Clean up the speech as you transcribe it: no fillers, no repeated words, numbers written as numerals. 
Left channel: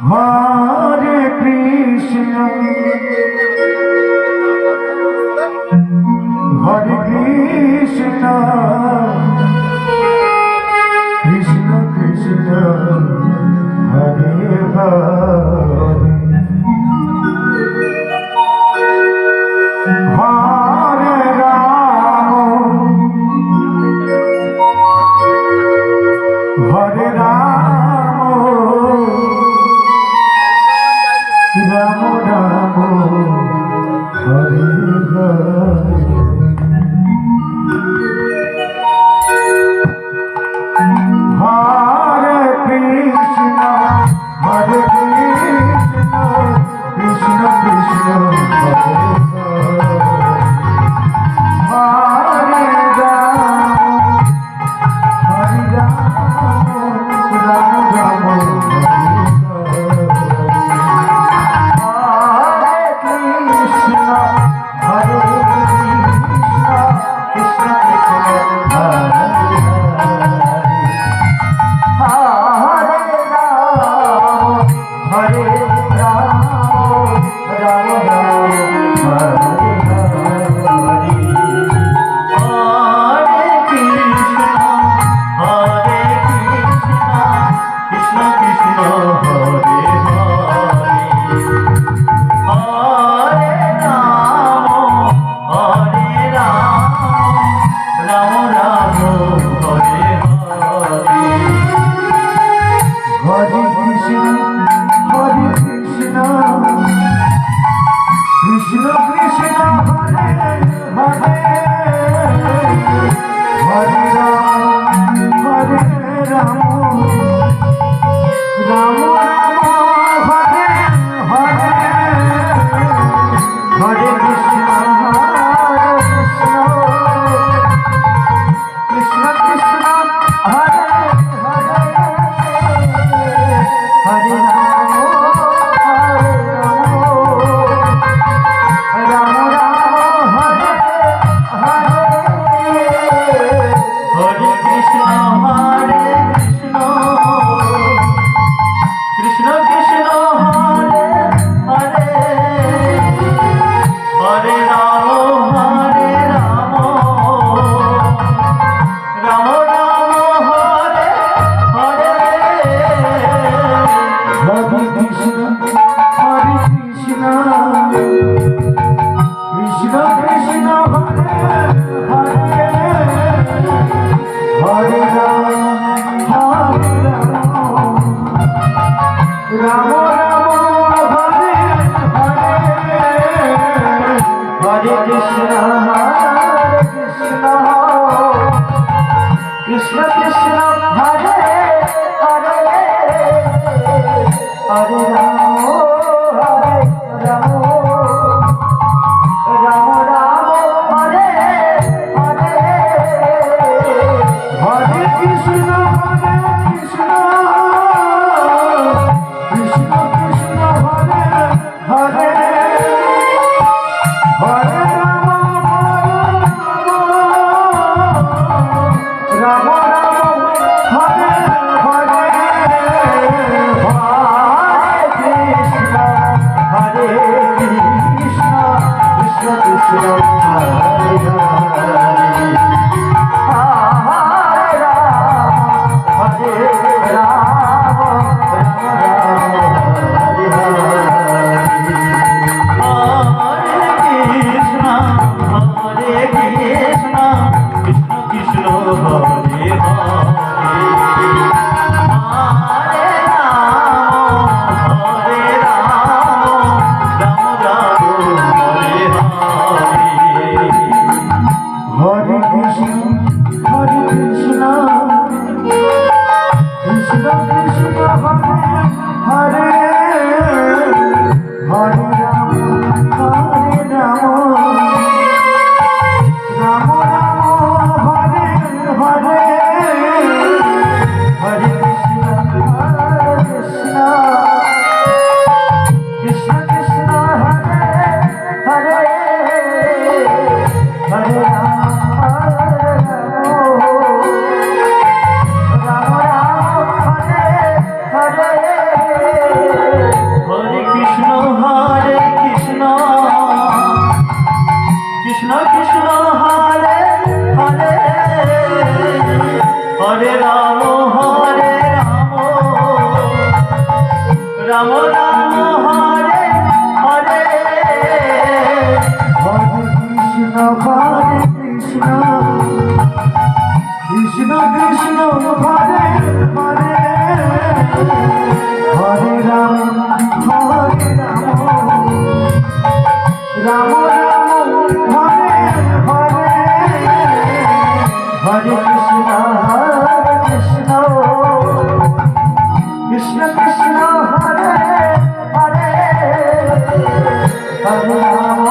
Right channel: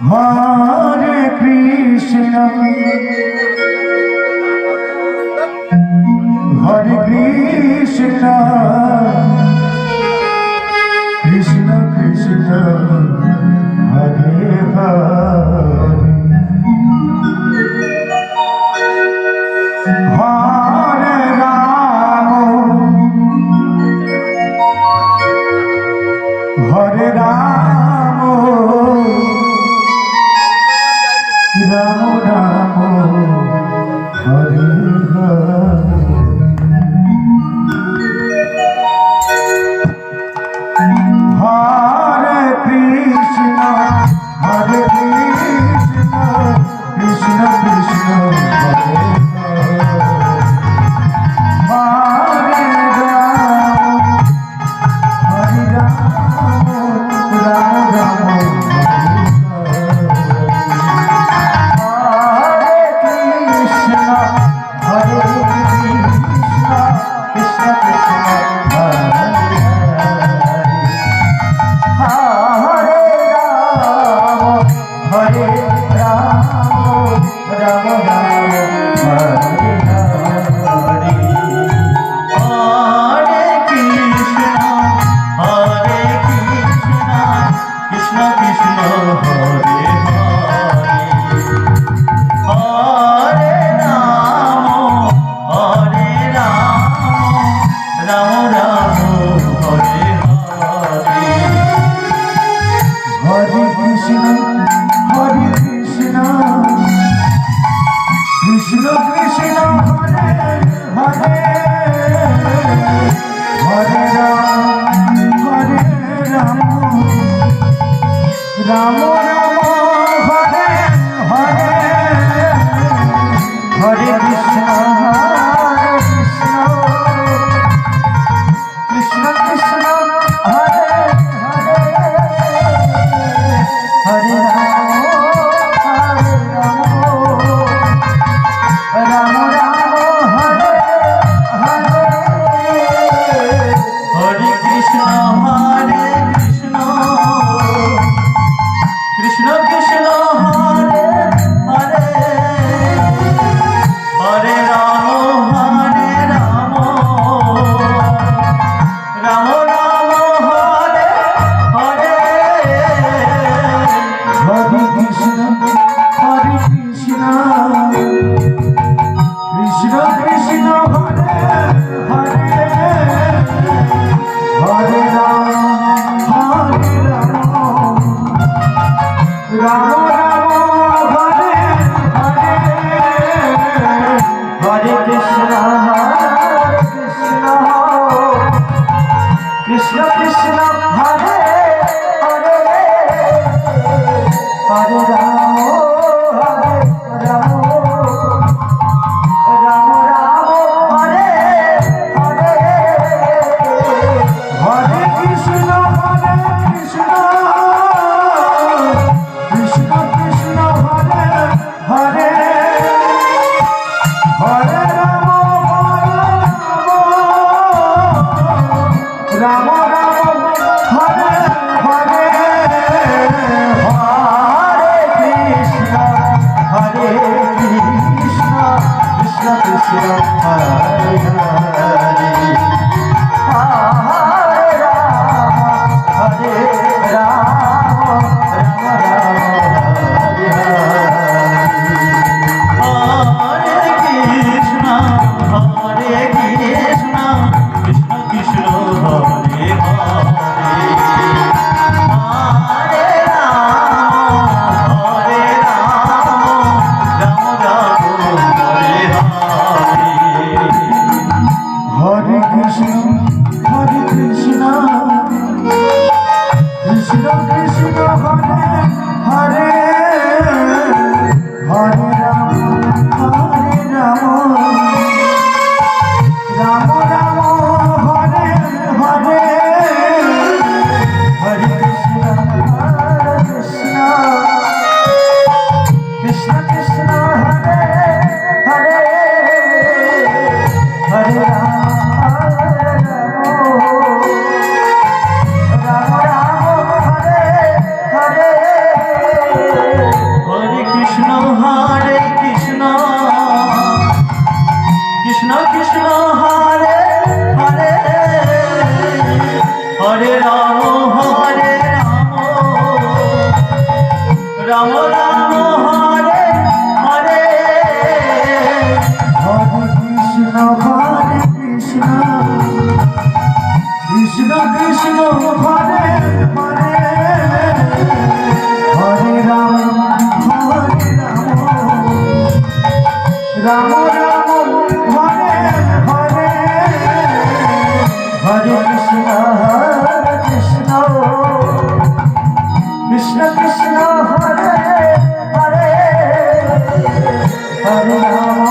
Hare Krishna, Hare Krishna, Krishna Krishna, Hare Hare, Hare Rama, Hare Rama, Ram Ram, Hare Hare. Hare Krishna, Hare Krishna, Krishna Krishna, Hare Hare, Hare Ram, Hare Ram, Ram Ram, Hare Krishna, Hare Krishna, Krishna Krishna, Hare Hare. Hare Ram, Ram Ram, Hare Hare, Hare Krishna, Krishna Krishna, Hare Hare, Hare Ram, Ram Ram, Hare Hare. Hare Krishna, Hare Krishna, Krishna Krishna, Hare Hare, Hare Ram, Ram Ram, Hare Hare, Hare Krishna, Krishna Krishna, Hare Hare Ram, Ram Ram, Hare Hare, Hare Krishna, Krishna Krishna, Hare Hare, Hare Ram, Ram Ram, Hare Hare, Hare Krishna, Krishna Krishna, Hare Hare, Hare Ram, Ram Ram, Hare Hare, Hare Krishna, Krishna Krishna, Hare Hare, Hare Ram, Ram Ram, Hare Hare, Hare Krishna, Krishna Krishna, Hare Hare, Hare Ram, Ram Ram, Hare Hare Ram